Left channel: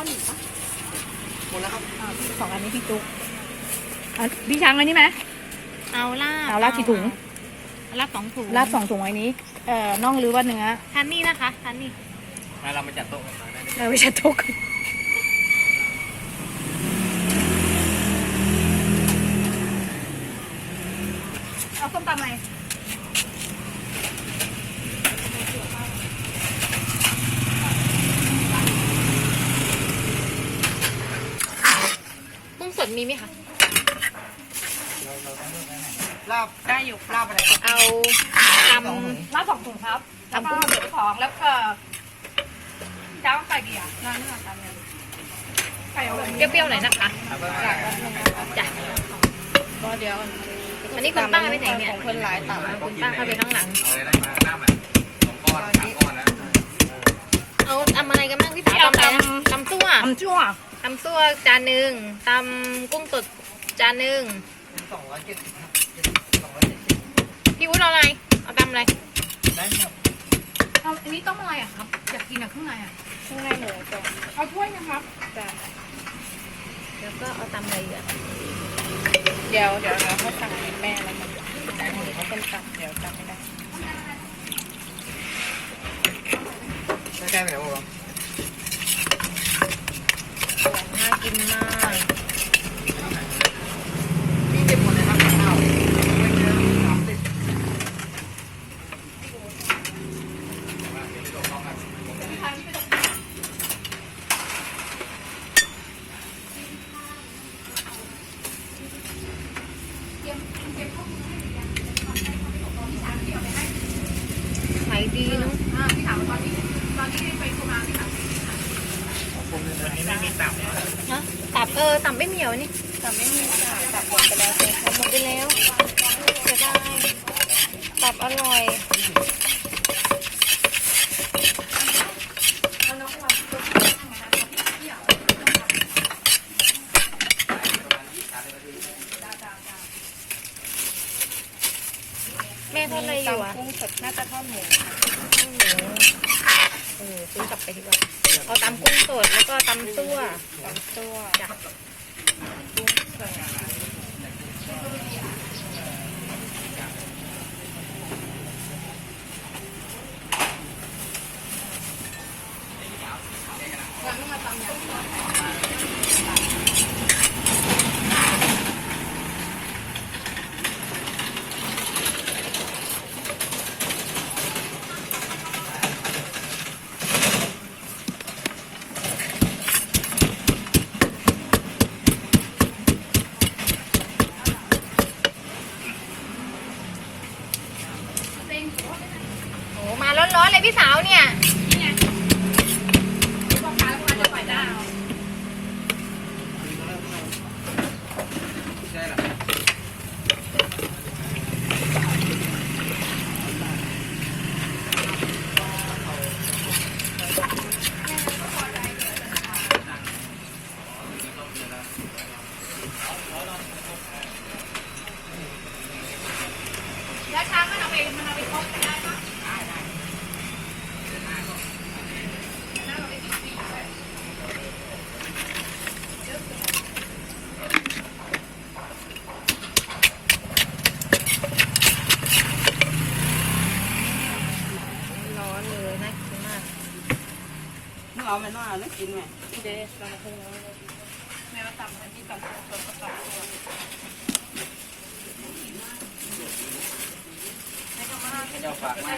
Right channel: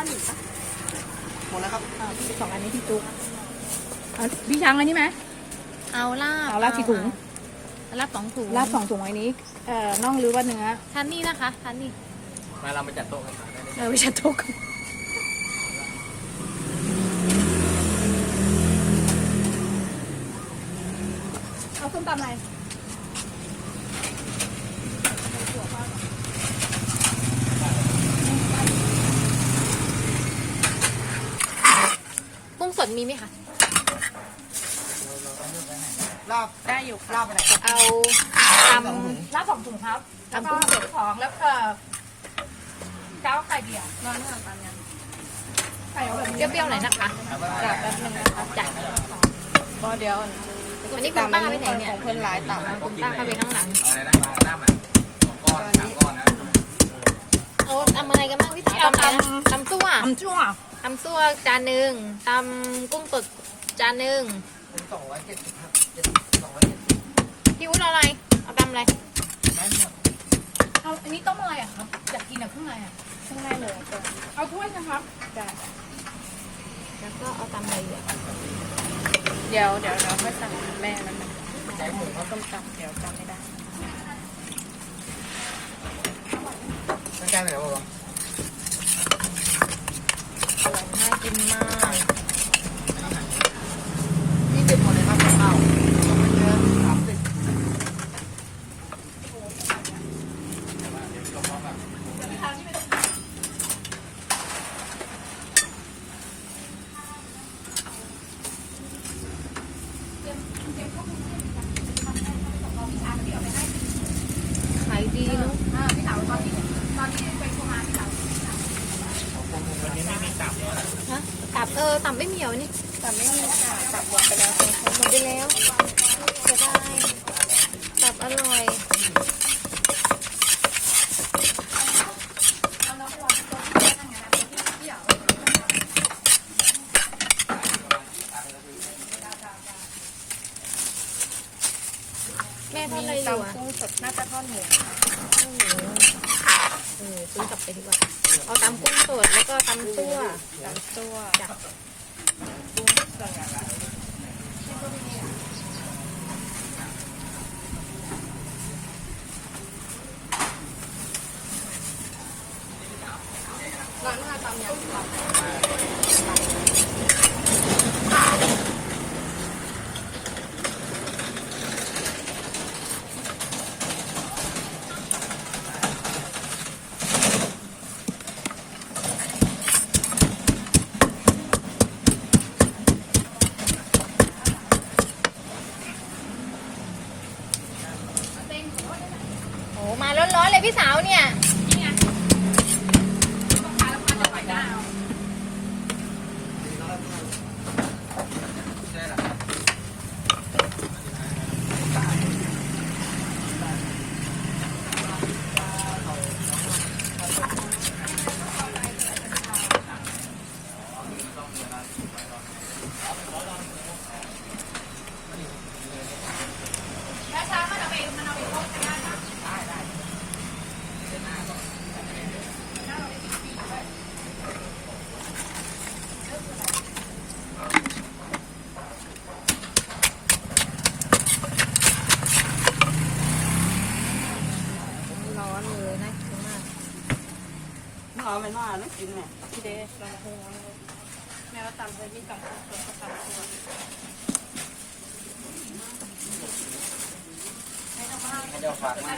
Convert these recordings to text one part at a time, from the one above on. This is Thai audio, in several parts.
อนหนึ่งปะหมดแล้วครับอ่าของอันนี้พี่ตุ๊กอะพี่ช้างอันนี้ไหมเอาลาบเอาลาบกี่ถุงเอาลาบสองถุงลาบสองถุงอันนี้เอ่อน่องหรือว่าเนื้อทานนี่นะคะทานนี่มาเรามาจัดโต๊ะกันเออไม่ใช่ตุ๊กเอาส้มตำอะไร งสดมีไหมคะ ลาบได้อยู่ลาบอะไรเอาตำลาบสองถุงครับตำกุ้งสดสองแล้วก็เจ้าไก่เบียร์นั่นตำยังไก่เอาแบบเปรี้ยวๆหน่อยนะคะอยากแป๊บนึงนะคะจ้ะก็เดี๋ยวอันนี้คุณป้าไปไหนเนี่ยของเพื่อนหลายต่อ่าคุณป้าเข้าไปข้างหลังเอาอะไรนะมาลาบอะสองก้อนสามก้อนนะเอาตำอะไรกันบ้างพี่สาวตำอะไรนะตำซั่วำทำชั่ว ตำซั่วจานหนึ่งตำกุ้งสดจานหนึ่งสองร้อยเจ็ดสิบครับเจ็ดสิบสองร้อยเจ็ดสิบพี่วุ้นเอาอะไร เอาตำอะไรได้หมดเอาอันนี้ต้มอะไรอะครับ อยากกินอะข้างในอะ ข้างในเลยจ้ะเอาถ้วยนะครับจ้ะแล้วก็เอาตำอะไรอีกอะเดี๋ยวเดี๋ยวเราค่อยสั่งแม่แล้วกันเขาต้มตับเดี๋ยวจำไม่ได้ ได้ใช่ไหมครับผม น่า กินมากนี่เป็นหมดเลยครับข้าไม่เยอะสามสิบขายดีเนาะ พี่สาวตอนนี้ตอนนี้ไปโทรมาพี่สาว วันนี้ไม่มีตับเนี่ย ฮะตับเออตับไม่เห นียวนี่ตับไม่มีค่ะตับหมดไปแล้วใช่ไหมหมดไปแล้วจะได้ตับอร่อยแม่ทอดอะไรอยู่อะตำกุ้งสดน่าจะทอดหมูค่ะข้าวหมูเออซื้อกลับไปดีกว่า เอาตำกุ้งสดแล้วก็ตำซั่วตำตัวจ้ะ กุ้งสดร้านมาตำอย่าง โอ้มาร้อนๆเลย พี่สาวเนี่ย พ่อค้าแล้วมาจะไปได้เอา ใช่หรอ แล้วช้างมันเอาไปมันเอาไปพกกันได้ไหม ร้อนเลยน่ากินมาก มึงเอาไปหน้าแล้วกินไหมเดี๋ยวเรามาพุงเอาเลยแม่มาตำไว้ที่ก่อนเจ้าฝากมา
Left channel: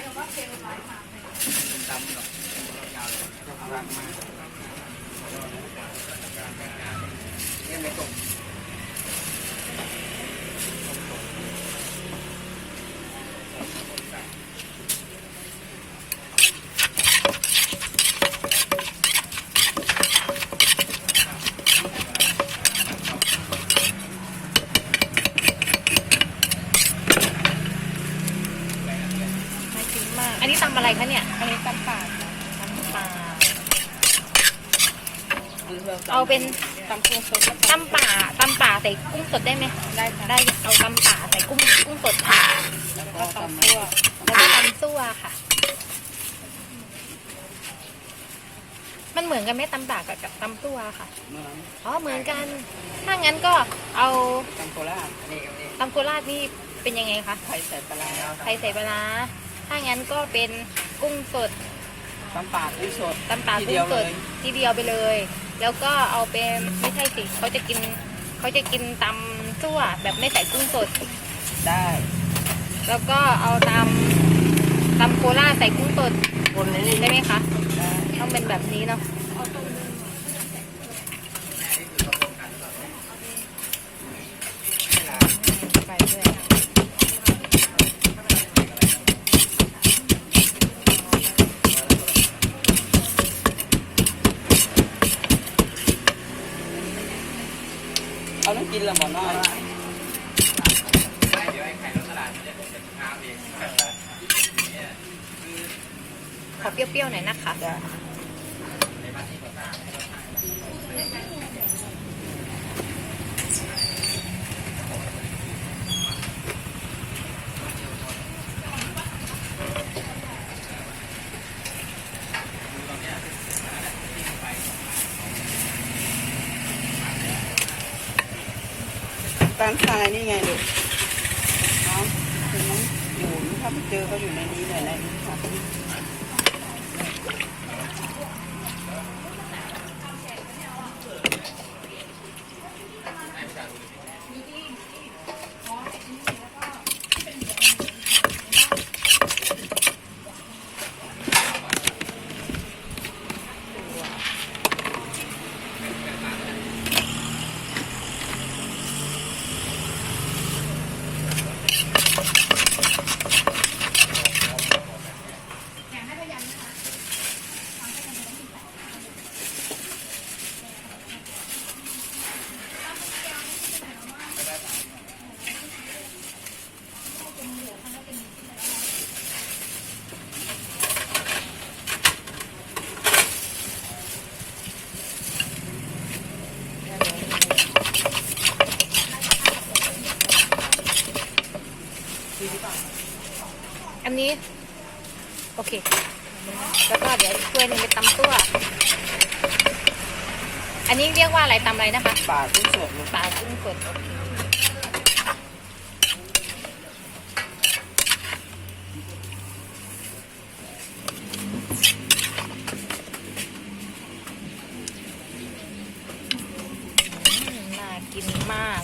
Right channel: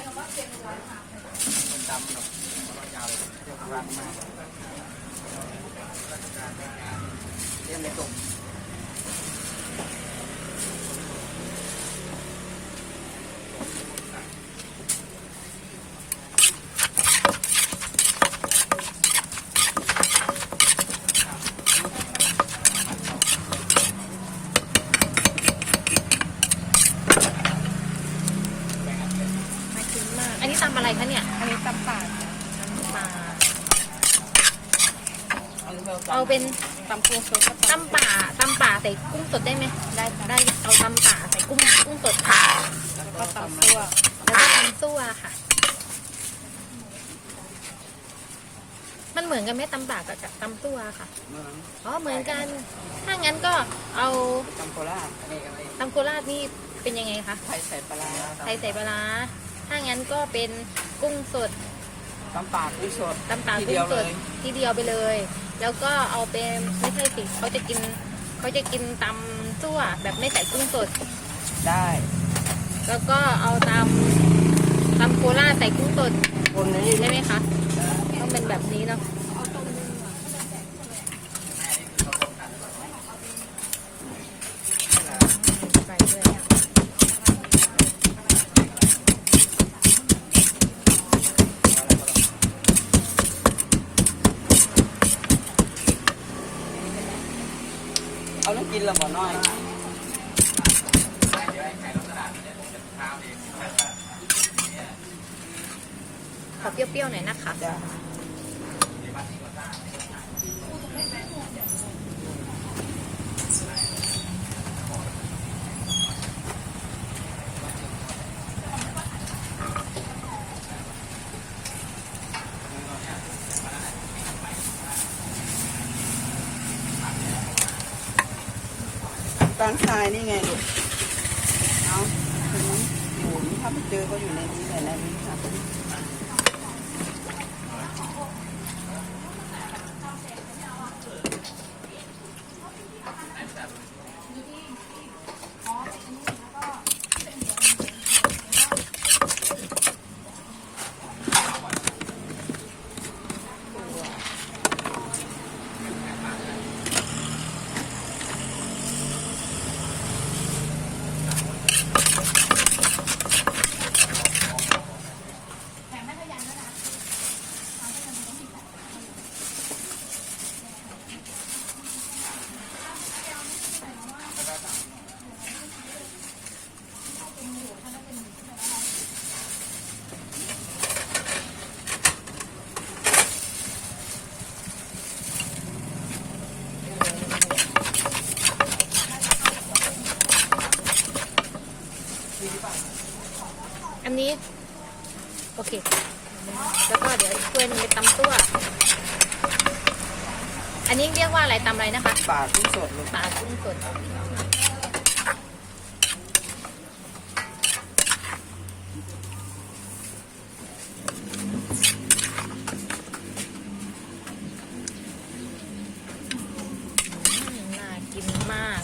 ตำหรอกเจ้าฝากมาเรียนในกลุ่ม น่ากินมาก อันนี้ตำอะไรคะเนี่ย อันนี้ตำป่าค่ะตำปลาอันนี้เราเอาเป็นตำกุ้งสดก็ตำตำป่าตำป่าใส่กุ้งสดได้ไหมได้จ้ะได้เอาตำป่าใส่กุ้งกุ้งสดค่ะแล้วก็ตำตัวแล้วก็ตำซั่วค่ะ มันเหมือนกันไหมตำปากกับกับตำตัวค่ะเมื่อนั้นอ๋อเหมือนกัน ถ้างั้นก็เอาตำโคราชอันนี้อันนี้ตำโคราชนี่เป็นยังไงคะไทยใส่ปลาร้าไทยใส่ปลาร้า ถ้างั้นก็เป็นกุ้งสดตำปากที่สดตำปลาทีกุ้เดีงยวสเลดยทีเดียวไปเลย แล้วก็เอาเป็นไม่ใช่สิเขาจะกินเขาจะกินตำซั่วแบบไม่ใส่กุ้งสดได้ แล้วก็เอาตำตำโคราชใส่กุ้งสดคนในนี้ได้ไหมคะได้ต้องเป็นแบบนี้เนาะไปด้วย เอาต้องกิ นละบ่น้อยขอเปรี้ยวๆหน่อยนะคะ ตาลทรายนี่ไงลูกเอาถึงมันอยู่ถ้าไปเจอก็อยู่ในนี้เลยในนี้ค่ะ อันนี้ โอเค แล้วก็เดี๋ยวอีกถ้วยหนึงเป็นตำตัว อันนี้เรียกว่าอะไรตำอะไรนะคะปากที่สดลูกปลากุ้งสดโอเคอืมน่ากินมาก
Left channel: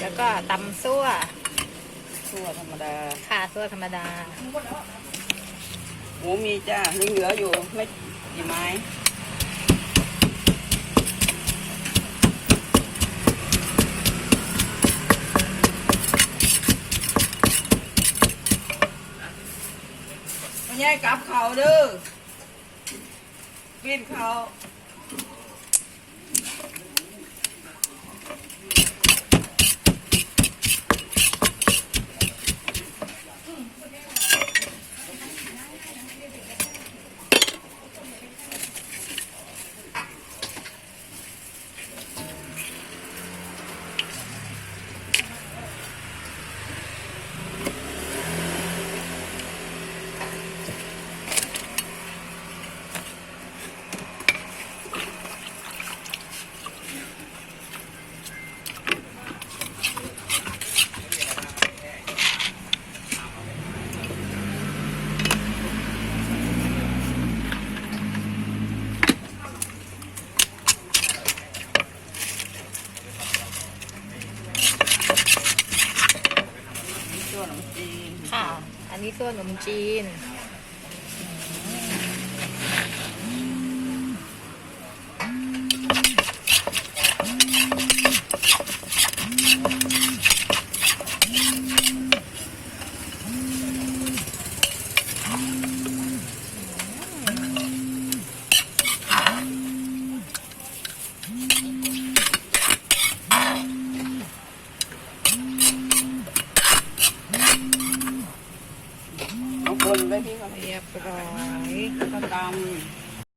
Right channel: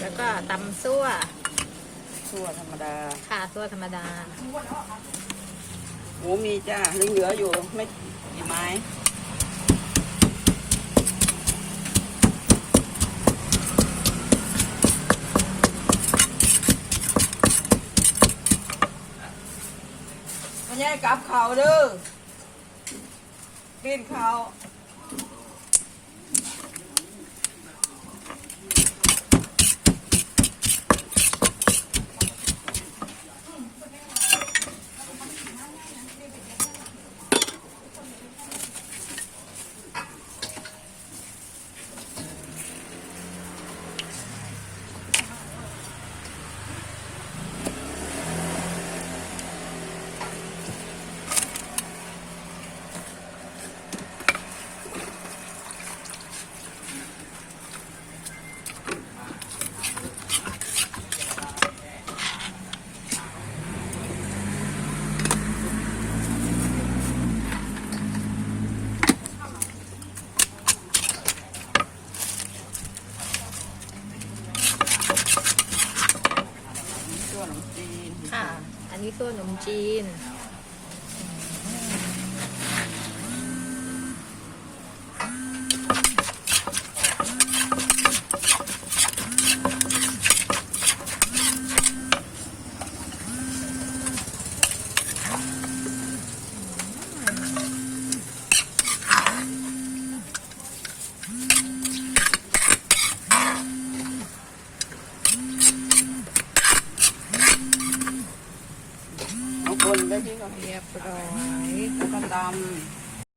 แล้วก็ตำซั่ว ทั่วธรรมดาค่ะซั่วธรรมดา หมูมีจ้าเหลือๆอยู่ไม่กี่ไม้ไม่ใช่กลับเขาเด้อกินเขาส่วนขนมจีน ค่ะ อั นี้คือขนมจีน น้องคนได้ที่เขา เรีย บร้อยก็ตำ